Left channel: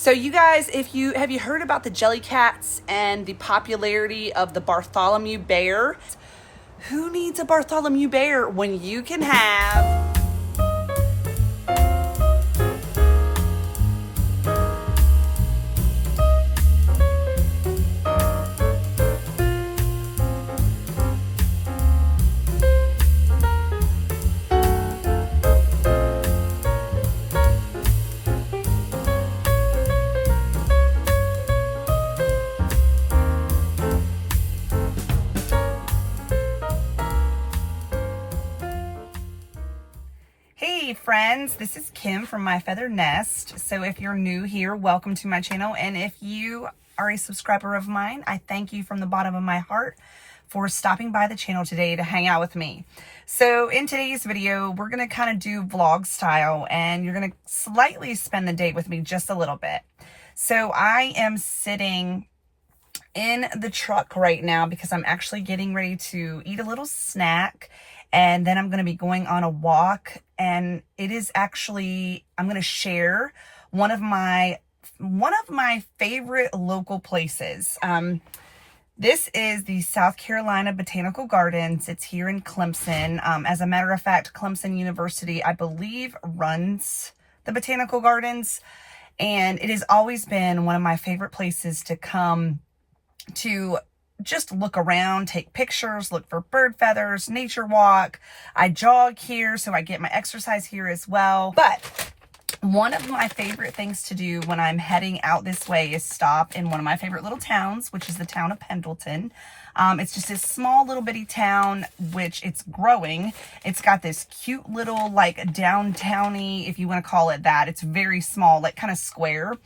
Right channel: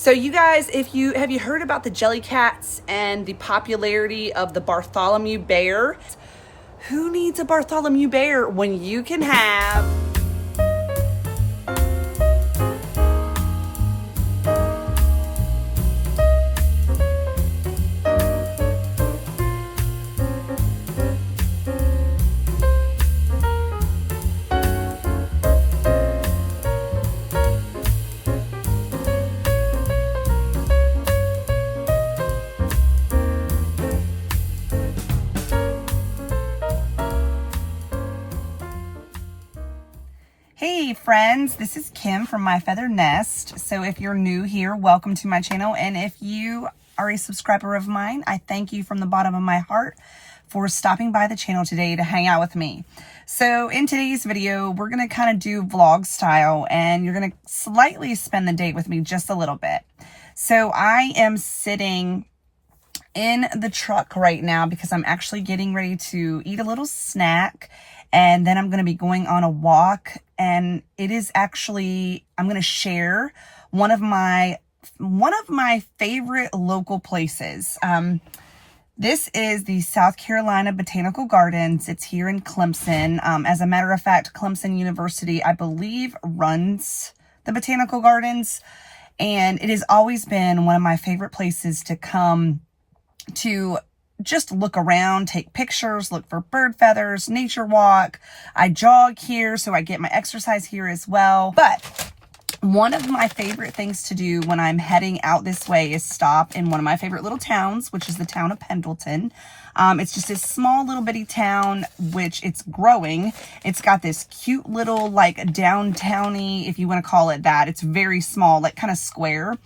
So you guys, have you heard about the jellycats and the popularity of the Bartholomew bear? Who needs a Bartholomew bear when you can have Hey friends, this is Kim from My Feathered Nest. So if you're new here, welcome to my channel. And if you are a subscriber of mine, I thank you from the bottom of my heart for stopping by the channel today to hang out with me. So in today's video, we're going to kind of do vlog style and you're going to slightly spend the day with me just a little bit. So I am sitting in the truck right now because I'm actually getting ready to eat a little snack. And then I'm going to be going on a walk, and it is actually, I'm going to share one of my favorite local places. This is the South Carolina Botanical Gardens. It's here in Clemson. As a matter of fact, Clemson University, I believe, runs the Botanical Gardens, and it has always been one of my favorite places to come to just look around, take pictures, look for bird feathers, nature walk. I jog here, so I get my exercise here as well. But one of my favorite things to do when I'm heading out this way is stop in one of my favorite little towns, which is the town of Pendleton. It's just this small little bitty town, which it's growing. It's got this cute little like downtowny, if you want to call it that. It's very small, like kind of square.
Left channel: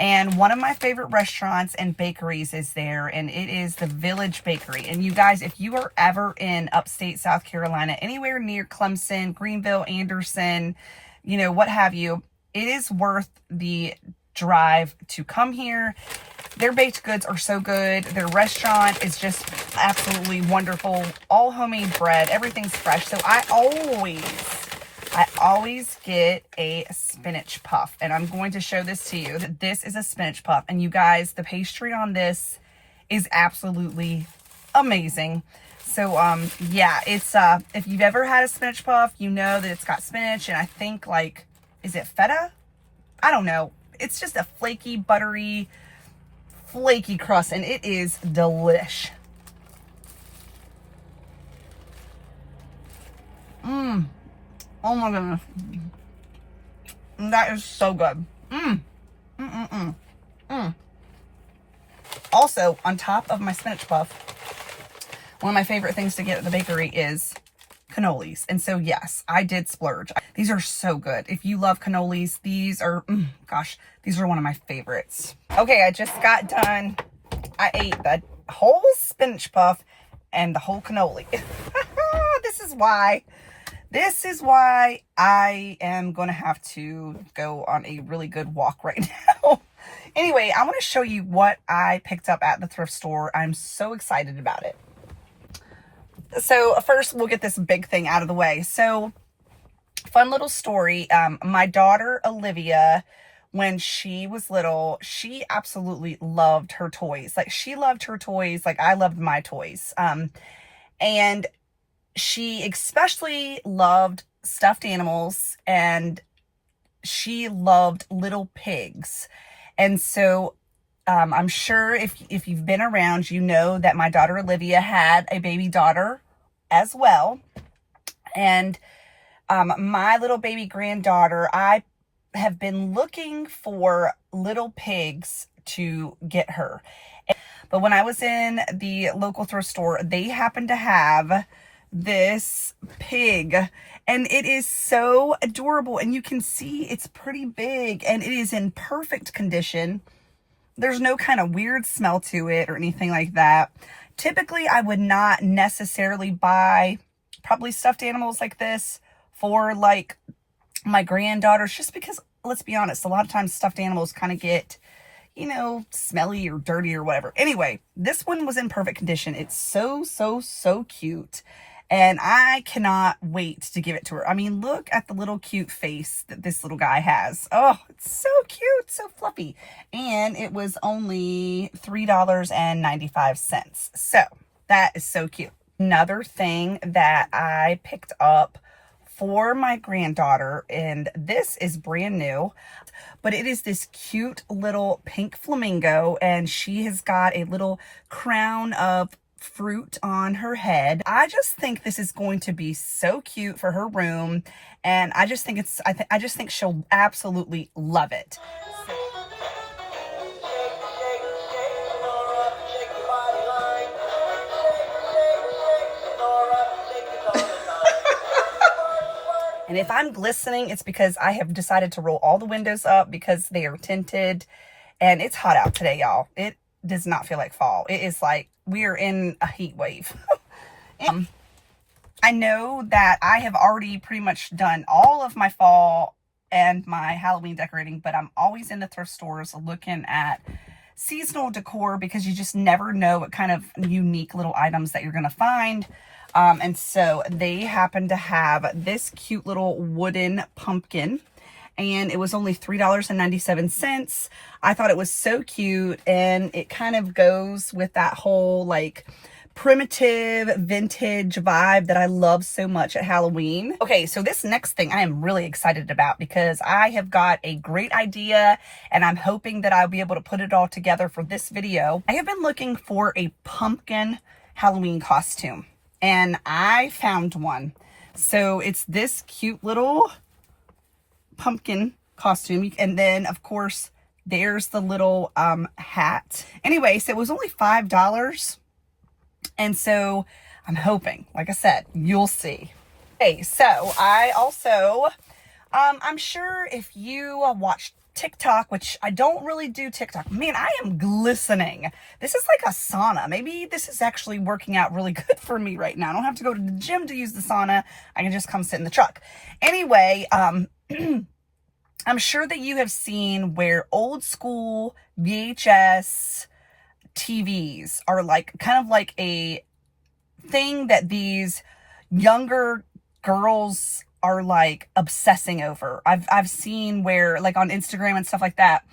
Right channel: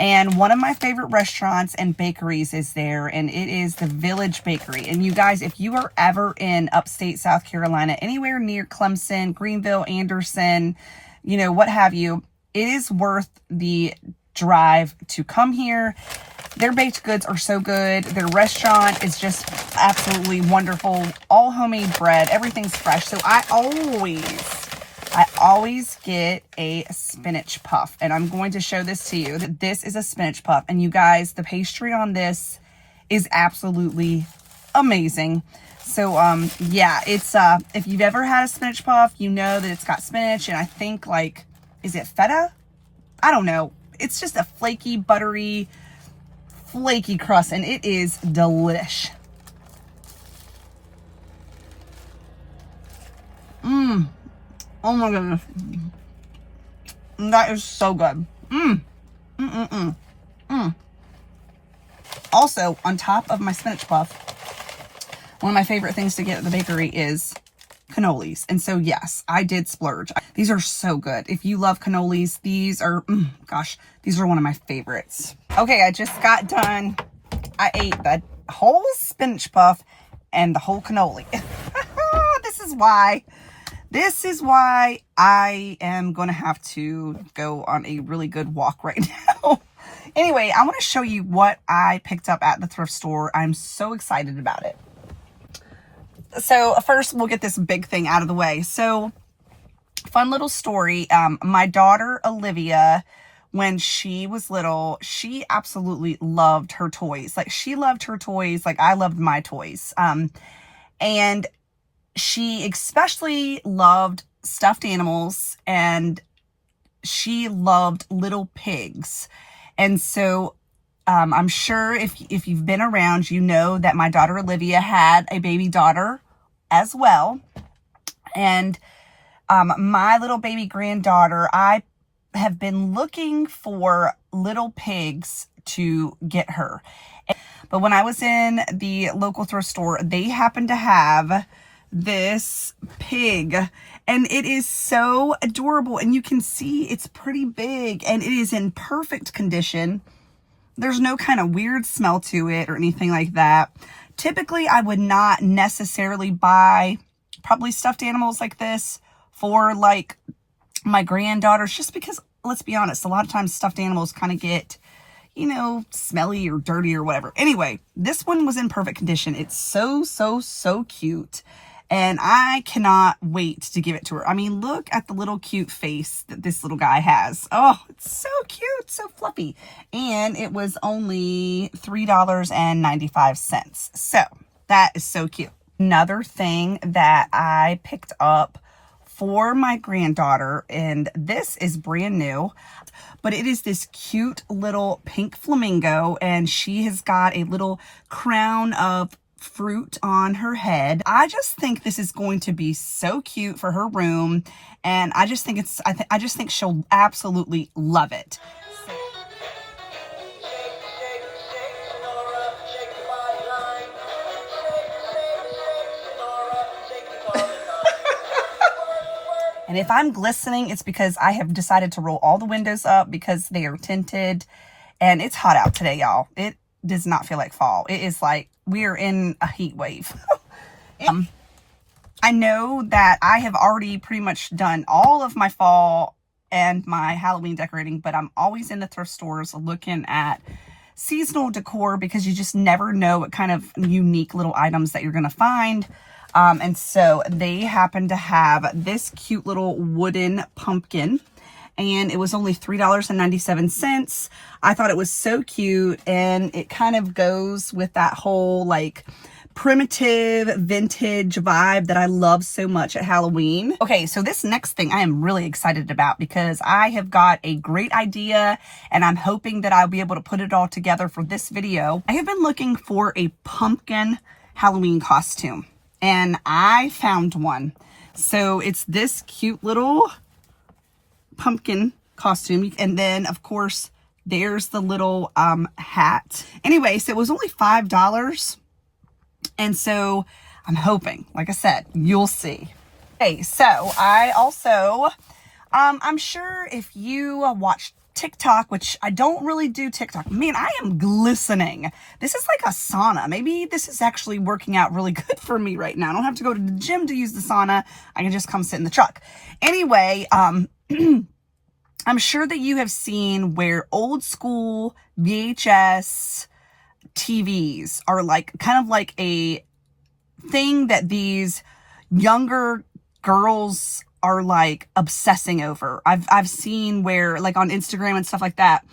And one of my favorite restaurants and bakeries is there, and it is the Village Bakery. And you guys, if you are ever in upstate South Carolina, anywhere near Clemson, Greenville, Anderson, you know, what have you, it is worth the drive to come here. Their baked goods are so good. Their restaurant is just absolutely wonderful. All homemade bread. Everything's fresh. So I always get a spinach puff, and I'm going to show this to you. This is a spinach puff, and you guys, the pastry on this is absolutely amazing. So yeah, it's if you've ever had a spinach puff, you know that it's got spinach, and I think, like, is it feta? I don't know. It's just a flaky, buttery, flaky crust, and it is delish. Oh my goodness. That is so good. Also, on top of my spinach puff, one of my favorite things to get at the bakery is cannolis. And so, yes, I did splurge. These are so good. If you love cannolis, these are, gosh, these are one of my favorites. Okay, I just got done. I ate the whole spinach puff and the whole cannoli. This is why I am going to have to go on a really good walk right now. Anyway, I want to show you what I picked up at the thrift store. I'm so excited about it. So first, we'll get this big thing out of the way. So, fun little story. My daughter, Olivia, when she was little, she absolutely loved her toys. Like, she loved her toys like I loved my toys. And she especially loved stuffed animals, and she loved little pigs. And so I'm sure if you've been around, you know that my daughter Olivia had a baby daughter as well. And my little baby granddaughter, I have been looking for little pigs to get her. But when I was in the local thrift store, they happened to have this pig, and it is so adorable, and you can see it's pretty big, and it is in perfect condition. There's no kind of weird smell to it or anything like that. Typically, I would not necessarily buy probably stuffed animals like this for like my granddaughters, just because, let's be honest, a lot of times stuffed animals kind of get, you know, smelly or dirty or whatever. Anyway, this one was in perfect condition. It's so cute. And I cannot wait to give it to her. I mean, look at the little cute face that this little guy has. Oh, it's so cute, so fluffy. And it was only $3.95. So that is so cute. Another thing that I picked up for my granddaughter, and this is brand new, but it is this cute little pink flamingo, and she has got a little crown of fruit on her head. I just think this is going to be so cute for her room, and I just think I just think she'll absolutely love it. And if I'm glistening, it's because I have decided to roll all the windows up because they are tinted, and it's hot out today, y'all. It does not feel like fall. It is like we are in a heat wave. I know that I have already pretty much done all of my fall and my Halloween decorating, but I'm always in the thrift stores looking at seasonal decor because you just never know what kind of unique little items that you're going to find. And so they happen to have this cute little wooden pumpkin, and it was only $3.97. I thought it was so cute, and it kind of goes with that whole like primitive vintage vibe that I love so much at Halloween. Okay, so this next thing I am really excited about because I have got a great idea, and I'm hoping that I'll be able to put it all together for this video. I have been looking for a pumpkin Halloween costume, and I found one. So it's this cute little pumpkin costume, and then of course there's the little hat. Anyway, so it was only $5, and so I'm hoping, like I said, you'll see. Okay, so I also I'm sure if you watch TikTok, which I don't really do TikTok, man, I am glistening. This is like a sauna. Maybe this is actually working out really good for me right now. I don't have to go to the gym to use the sauna. I can just come sit in the truck. Anyway, I'm sure that you have seen where old school VHS TVs are like kind of like a thing that these younger girls are like obsessing over. I've seen where like on Instagram and stuff like that,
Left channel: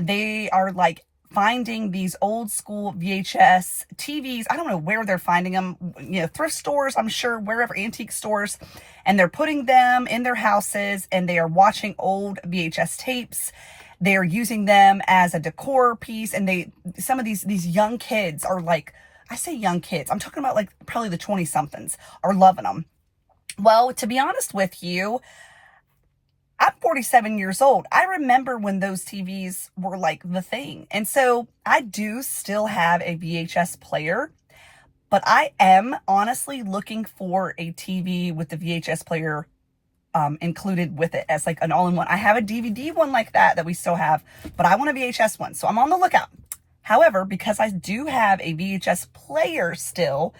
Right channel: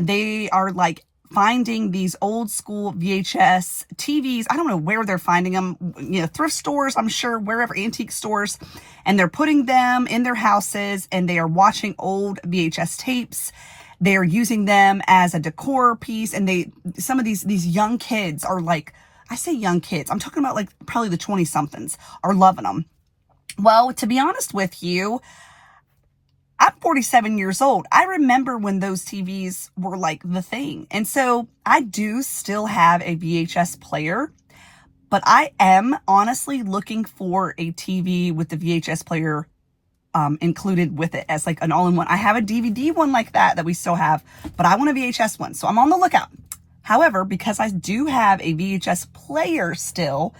they are like finding these old school VHS TVs. I don't know where they're finding them, you know, thrift stores, I'm sure, wherever, antique stores, and they're putting them in their houses, and they are watching old VHS tapes. They're using them as a decor piece, and some of these young kids are like, I say young kids, I'm talking about like probably the 20 somethings are loving them. Well, to be honest with you, I'm 47 years old. I remember when those TVs were like the thing. And so I do still have a VHS player, but I am honestly looking for a TV with the VHS player included with it as like an all-in-one. I have a DVD one like that we still have, but I want a VHS one. So I'm on the lookout. However, because I do have a VHS player still,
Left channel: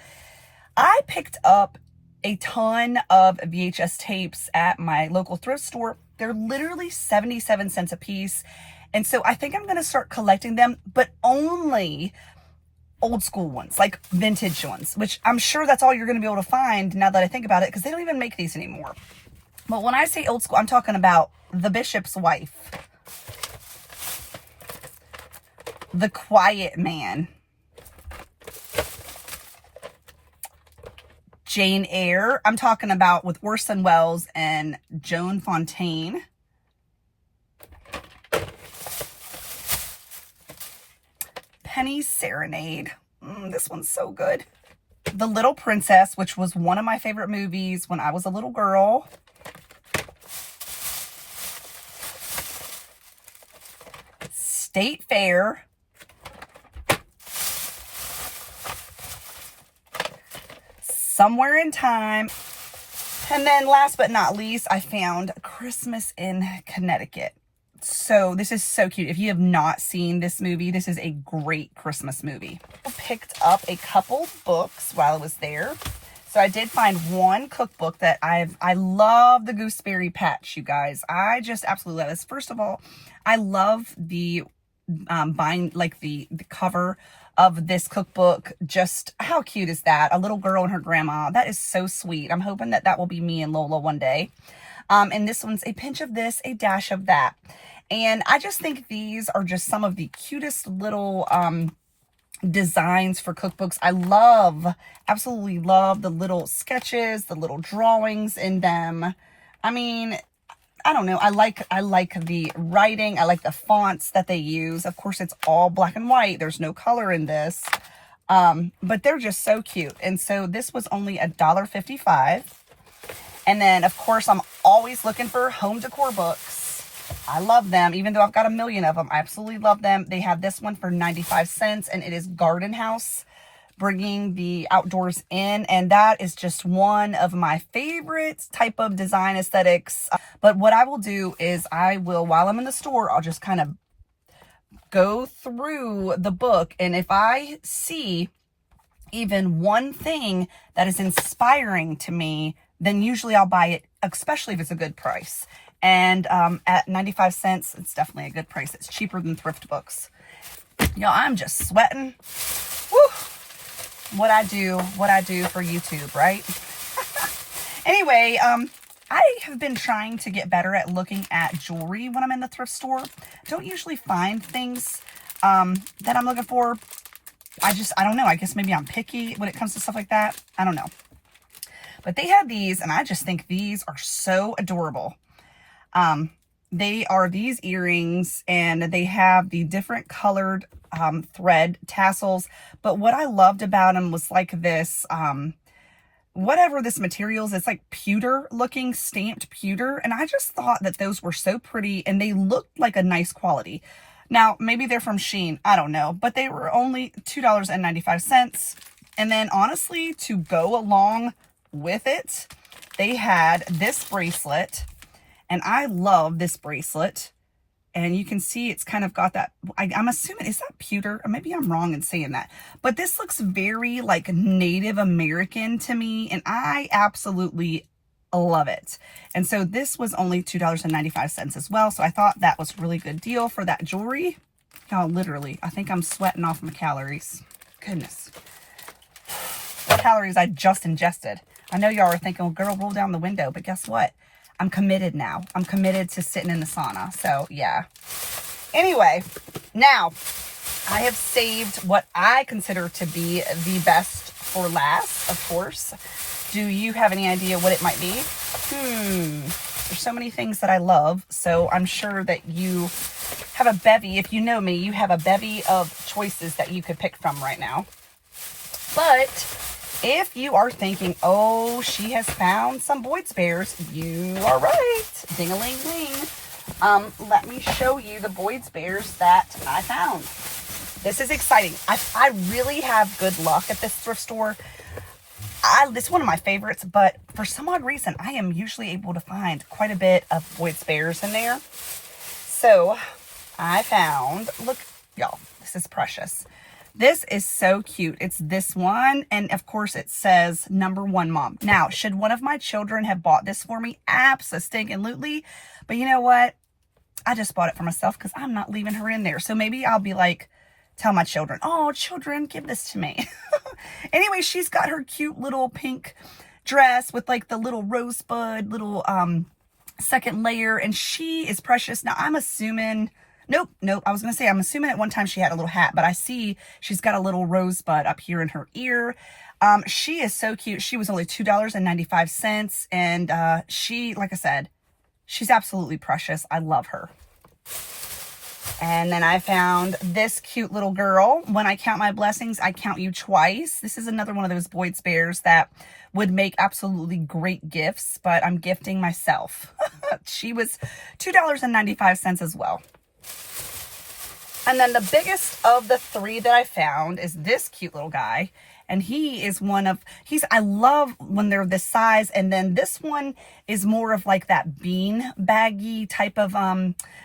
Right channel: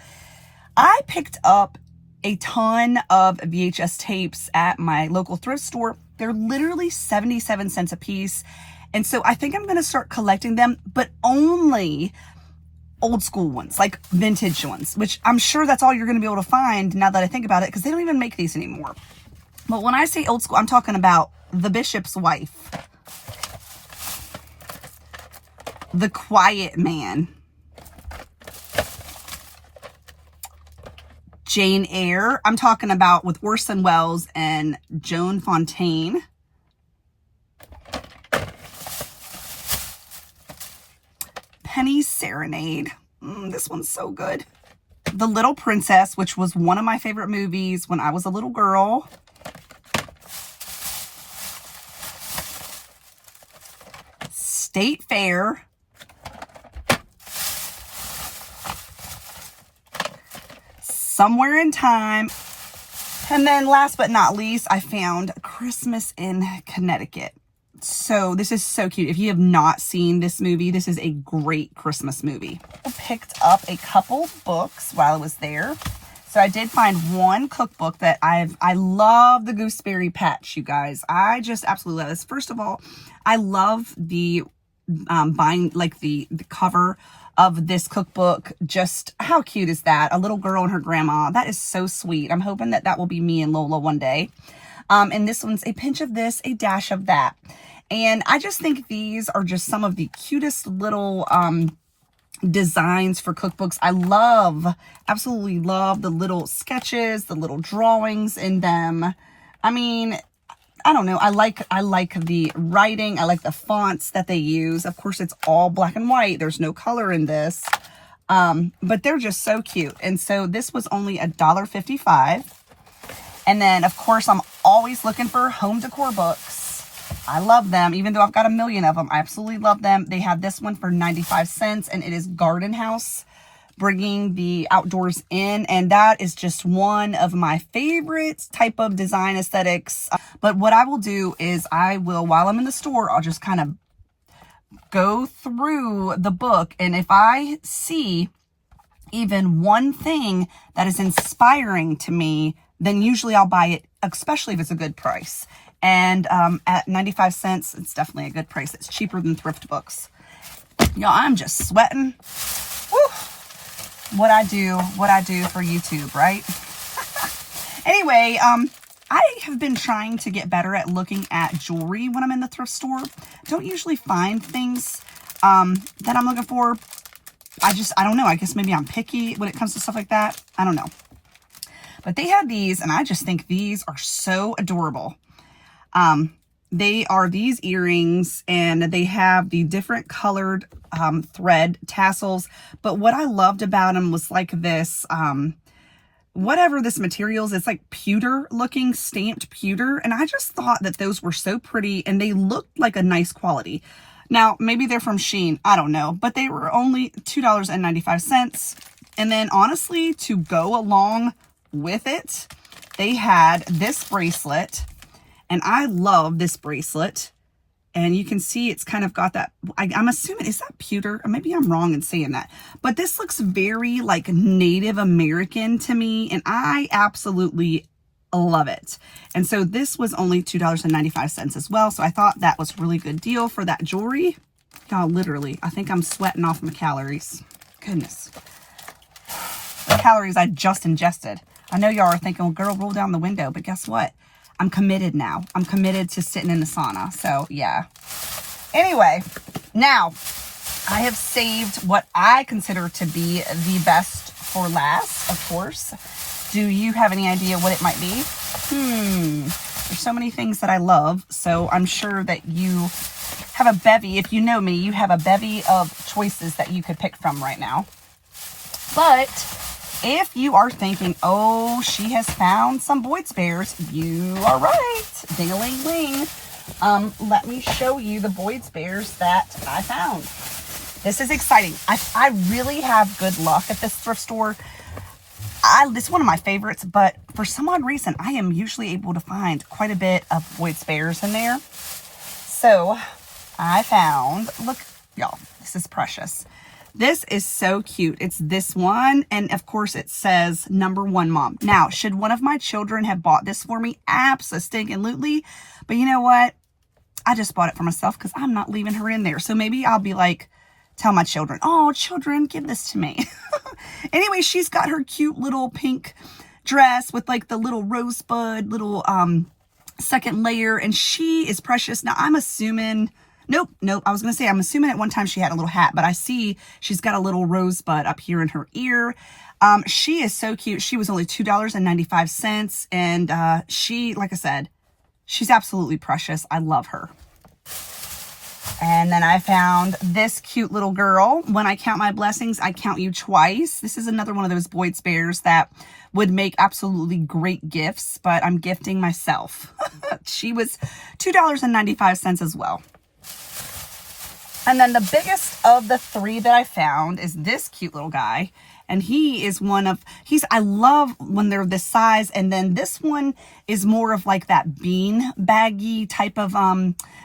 I picked up a ton of VHS tapes at my local thrift store. They're literally 77 cents a piece. And so I think I'm going to start collecting them, but only old school ones, like vintage ones, which I'm sure that's all you're going to be able to find now that I think about it, because they don't even make these anymore. But when I say old school, I'm talking about The Bishop's Wife, The Quiet Man, Jane Eyre. I'm talking about with Orson Welles and Joan Fontaine. Penny's Serenade. This one's so good. The Little Princess, which was one of my favorite movies when I was a little girl. State Fair. Somewhere in Time. And then last but not least, I found Christmas in Connecticut. So this is so cute. If you have not seen this movie, this is a great Christmas movie. I picked up a couple books while I was there. So I did find one cookbook that I love the Gooseberry Patch, you guys. I just absolutely love this. First of all, I love the the cover of this cookbook. Just how cute is that? A little girl and her grandma. That is so sweet. I'm hoping that that will be me and Lola one day. And this one's a pinch of this, a dash of that. And I just think these are just some of the cutest little designs for cookbooks. I love, absolutely love the little sketches, the little drawings in them. I mean, I don't know. I like the writing. I like the fonts that they use. Of course, it's all black and white. There's no color in this. But they're just so cute. And so this was only $1.55. And then, of course, I'm always looking for home decor books. I love them, even though I've got a million of them. I absolutely love them. They have this one for 95 cents, and it is Garden House, bringing the outdoors in. And that is just one of my favorite type of design aesthetics. But what I will do is I will, while I'm in the store, I'll just kind of go through the book. And if I see even one thing that is inspiring to me, then usually I'll buy it, especially if it's a good price. And at 95 cents, it's definitely a good price. It's cheaper than thrift books. Y'all, I'm just sweating. Woo! What I do for YouTube, right? Anyway, I have been trying to get better at looking at jewelry when I'm in the thrift store. Don't usually find things that I'm looking for. I don't know. I guess maybe I'm picky when it comes to stuff like that. I don't know. But they have these, and I just think these are so adorable. They are these earrings, and they have the different colored thread tassels. But what I loved about them was like this, whatever this material is, it's like pewter looking, stamped pewter. And I just thought that those were so pretty, and they looked like a nice quality. Now, maybe they're from Shein. I don't know. But they were only $2.95. And then honestly, to go along with it, they had this bracelet. And I love this bracelet. And you can see it's kind of got that, I'm assuming, is that pewter? Or maybe I'm wrong in saying that. But this looks very like Native American to me. And I absolutely love it. And so this was only $2.95 as well. So I thought that was a really good deal for that jewelry. Oh, literally, I think I'm sweating off my calories. Goodness. The calories I just ingested. I know y'all are thinking, well, girl, roll down the window. But guess what? I'm committed now. I'm committed to sitting in the sauna. So, yeah. Anyway, now I have saved what I consider to be the best for last, of course. Do you have any idea what it might be? There's so many things that I love. So, I'm sure that you have a bevy. If you know me, you have a bevy of choices that you could pick from right now. But if you are thinking, oh, she has found some Boyd's Bears, you are right. Ding-a-ling-ling. Let me show you the Boyd's Bears that I found. This is exciting. I really have good luck at this thrift store. This is one of my favorites, but for some odd reason, I am usually able to find quite a bit of Boyd's Bears in there. So I found, look, y'all, this is precious. This is so cute. It's this one. And of course it says #1 mom. Now, should one of my children have bought this for me? Absolutely. But you know what? I just bought it for myself because I'm not leaving her in there. So maybe I'll be like, tell my children, oh, children, give this to me. Anyway, she's got her cute little pink dress with like the little rosebud, little second layer. And she is precious. Now, I'm assuming... Nope. I was going to say, I'm assuming at one time she had a little hat, but I see she's got a little rosebud up here in her ear. She is so cute. She was only $2.95. And she, like I said, she's absolutely precious. I love her. And then I found this cute little girl. When I count my blessings, I count you twice. This is another one of those Boyd's Bears that would make absolutely great gifts, but I'm gifting myself. She was $2.95 as well. And then the biggest of the three that I found is this cute little guy. And he is I love when they're this size. And then this one is more of like that bean baggy type of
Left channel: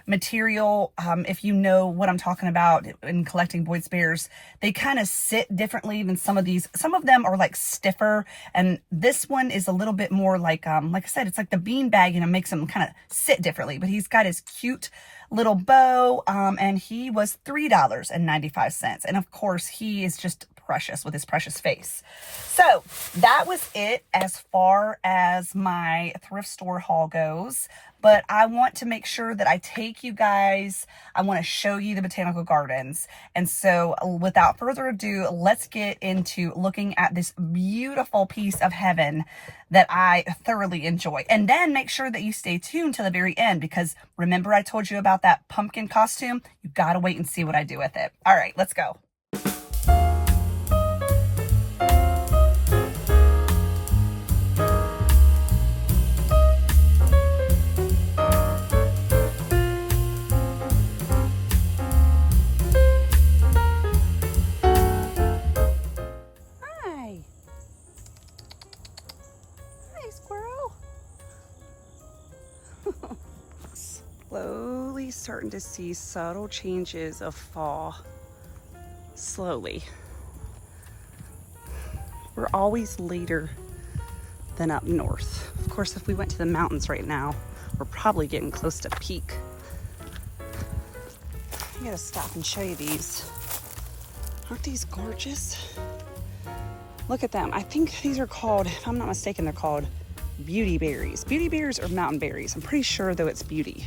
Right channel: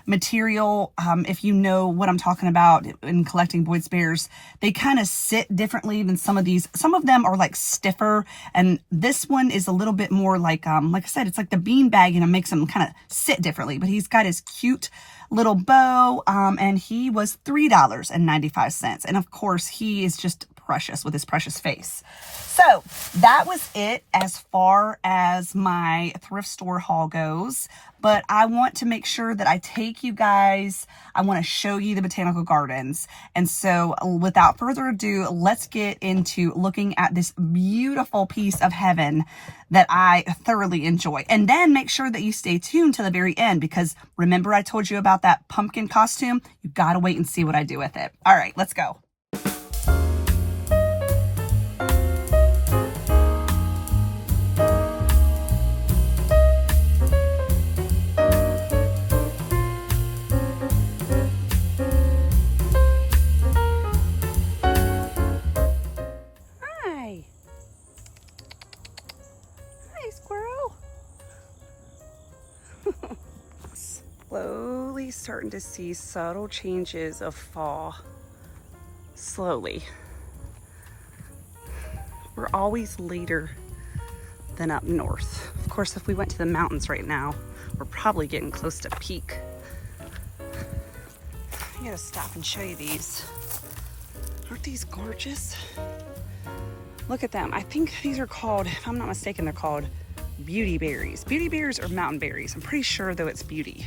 material. If you know what I'm talking about in collecting Boyd's Bears, they kind of sit differently than some of these. Some of them are like stiffer. And this one is a little bit more like I said, it's like the bean bag, and it makes them kind of sit differently. But he's got his cute little bow, and he was $3.95. And of course, he is just precious with his precious face. So that was it as far as my thrift store haul goes. But I want to make sure that I take you guys, I want to show you the Botanical Gardens. And so without further ado, let's get into looking at this beautiful piece of heaven that I thoroughly enjoy. And then make sure that you stay tuned to the very end, because remember I told you about that pumpkin costume? You got to wait and see what I do with it. All right, let's go. Slowly starting to see subtle changes of fall. Slowly. We're always later than up north. Of course, if we went to the mountains right now, we're probably getting close to peak. I gotta stop and show you these. Aren't these gorgeous? Look at them. I think these are called, if I'm not mistaken, they're called beauty berries. Beauty berries or mountain berries. I'm pretty sure though it's beauty.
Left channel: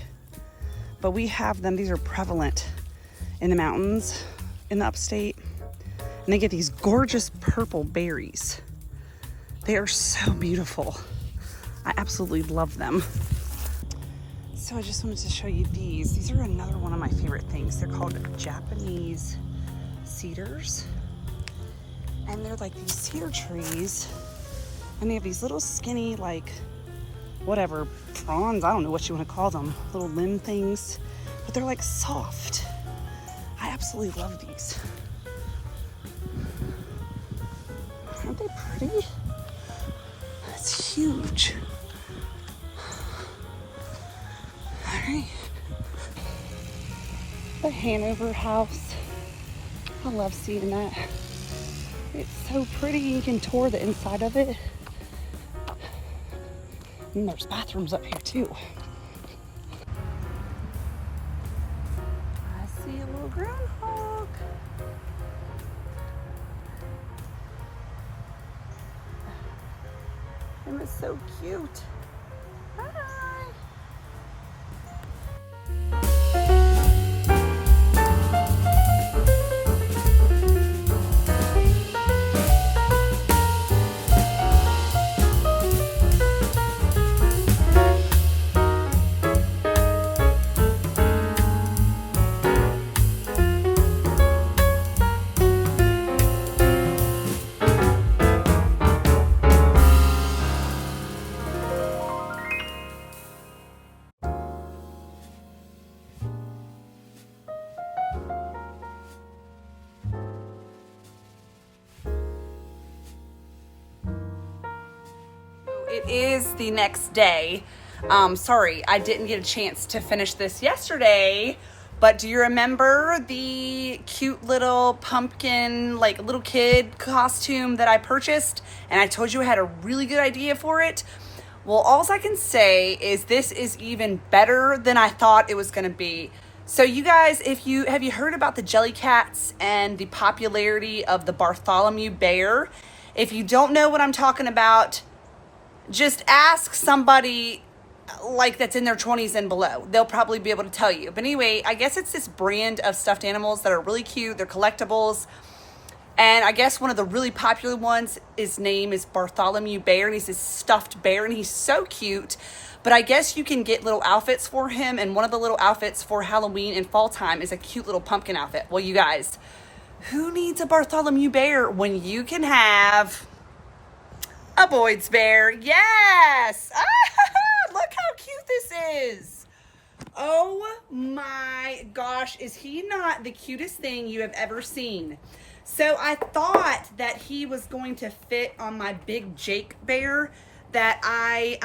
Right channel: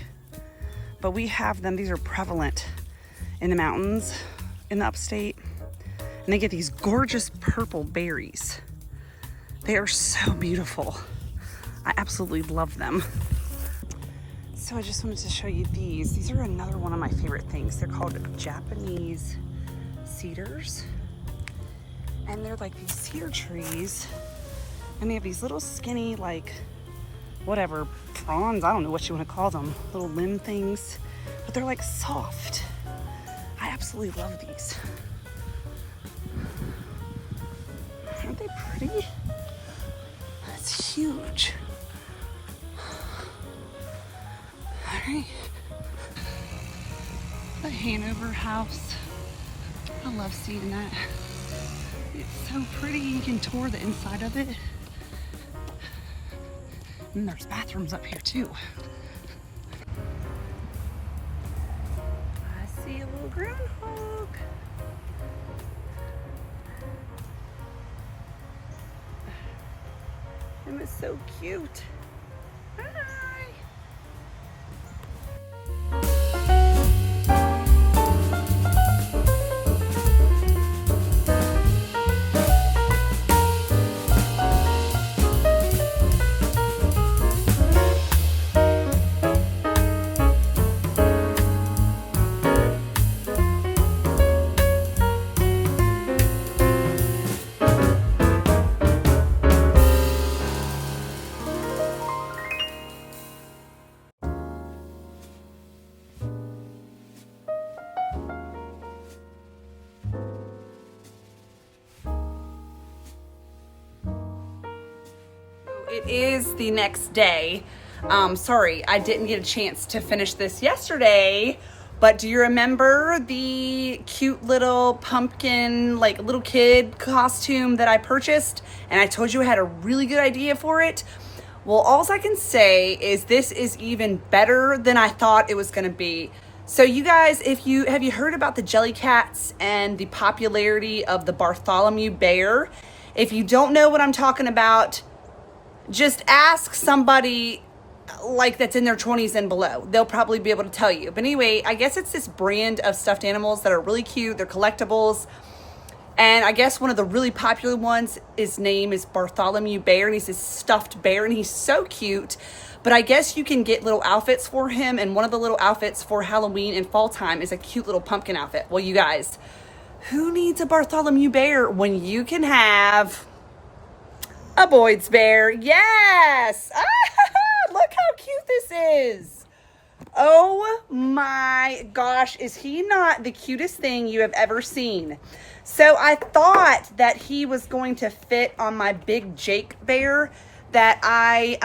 But we have them, these are prevalent in the mountains in the upstate. And they get these gorgeous purple berries. They are so beautiful. I absolutely love them. So I just wanted to show you these. These are another one of my favorite things. They're called Japanese cedars. And they're like these cedar trees. And they have these little skinny, like, whatever, fronds, I don't know what you want to call them, little limb things, but they're like soft. I absolutely love these. Aren't they pretty? It's huge. All right. The Hanover house. I love seeing that. It's so pretty. You can tour the inside of it. And there's bathrooms up here too. I see a little groundhog. Him is so cute. Hi. It is the next day. Sorry, I didn't get a chance to finish this yesterday, but do you remember the cute little pumpkin, like little kid costume that I purchased? And I told you I had a really good idea for it. Well, all I can say is this is even better than I thought it was gonna be. So you guys, have you heard about the Jellycats and the popularity of the Bartholomew bear? If you don't know what I'm talking about, just ask somebody like that's in their 20s and below. They'll probably be able to tell you. But anyway, I guess it's this brand of stuffed animals that are really cute. They're collectibles. And I guess one of the really popular ones, his name is Bartholomew Bear, and he's this stuffed bear, and he's so cute. But I guess you can get little outfits for him, and one of the little outfits for Halloween and fall time is a cute little pumpkin outfit. Well, you guys, who needs a Bartholomew Bear when you can have a Boyd's bear? Yes! Ah, look how cute this is. Oh my gosh, is he not the cutest thing you have ever seen? So I thought that he was going to fit on my big Jake bear that I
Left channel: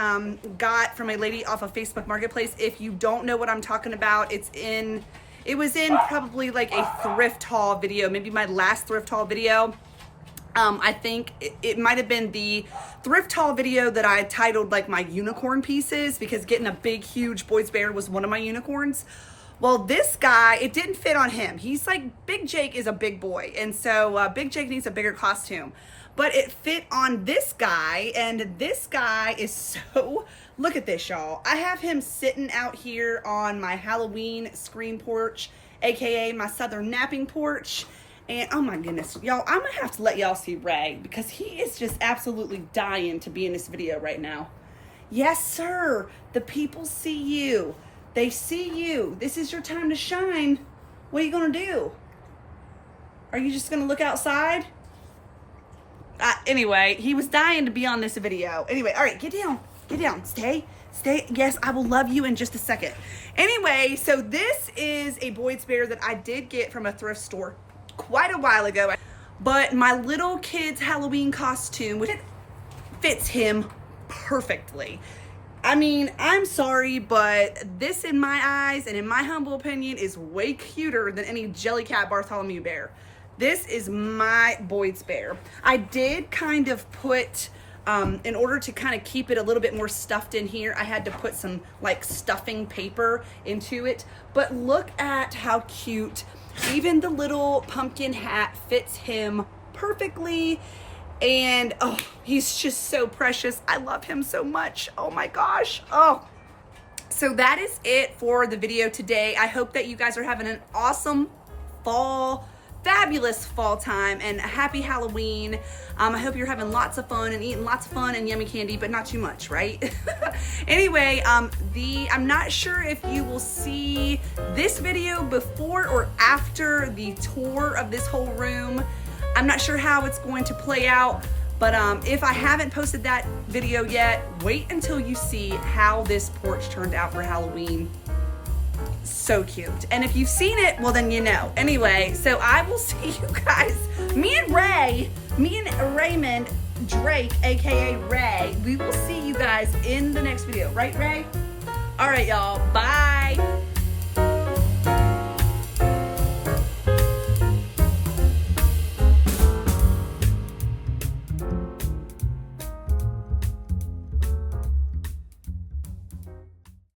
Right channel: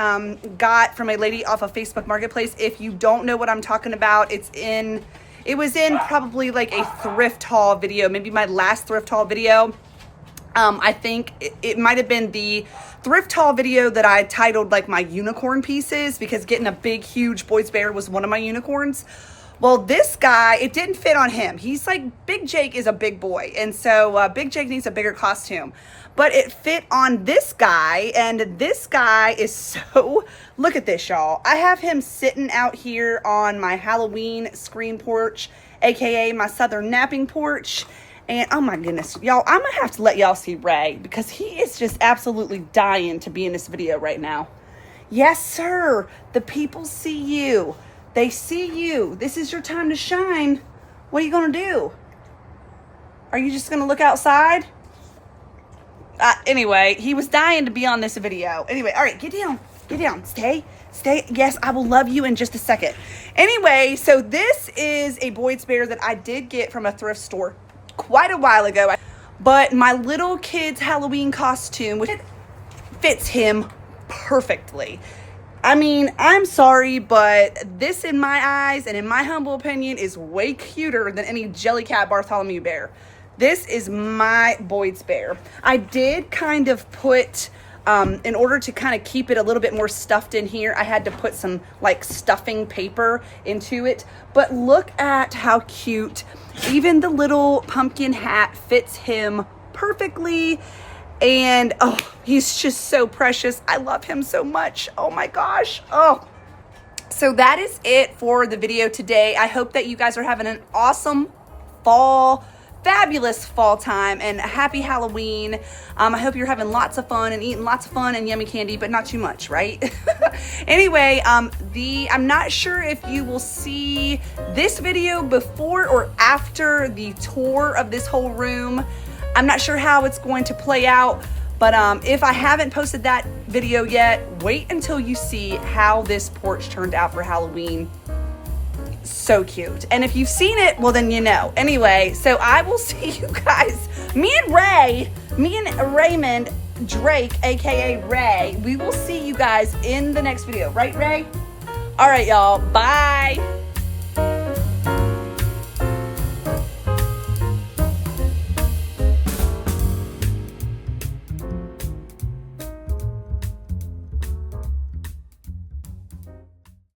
got from a lady off of Facebook Marketplace. If you don't know what I'm talking about, it was in probably like a thrift haul video, maybe my last thrift haul video. I think it might have been the thrift haul video that I titled like my unicorn pieces, because getting a big, huge Boyd's bear was one of my unicorns. Well, this guy, it didn't fit on him. He's like, Big Jake is a big boy. And so Big Jake needs a bigger costume. But it fit on this guy. And this guy is so, look at this, y'all. I have him sitting out here on my Halloween screen porch, AKA my southern napping porch. And oh my goodness, y'all, I'm gonna have to let y'all see Ray because he is just absolutely dying to be in this video right now. Yes, sir. The people see you. They see you. This is your time to shine. What are you gonna do? Are you just gonna look outside? Anyway, he was dying to be on this video. Anyway, all right, get down. Get down. Stay. Yes, I will love you in just a second. Anyway, so this is a Boyd's Bear that I did get from a thrift store quite a while ago, but my little kid's Halloween costume, which fits him perfectly. I mean, I'm sorry, but this in my eyes and in my humble opinion is way cuter than any Jellycat Bartholomew bear. This is my Boyd's Bear. I did kind of put, in order to kind of keep it a little bit more stuffed in here, I had to put some like stuffing paper into it. But look at how cute. Even the little pumpkin hat fits him perfectly. And oh, he's just so precious. I love him so much. Oh my gosh. Oh. So that is it for the video today. I hope that you guys are having an awesome fall, fabulous fall time, and happy Halloween. I hope you're having lots of fun and eating lots of fun and yummy candy, but not too much, right? Anyway, I'm not sure if you will see this video before or after the tour of this whole room. I'm not sure how it's going to play out, but if I haven't posted that video yet, wait until you see how this porch turned out for Halloween. So cute. And if you've seen it, well then you know. Anyway, so I will see you guys. Me and Raymond Drake, aka Ray, we will see you guys in the next video. Right, Ray? All right, y'all. Bye.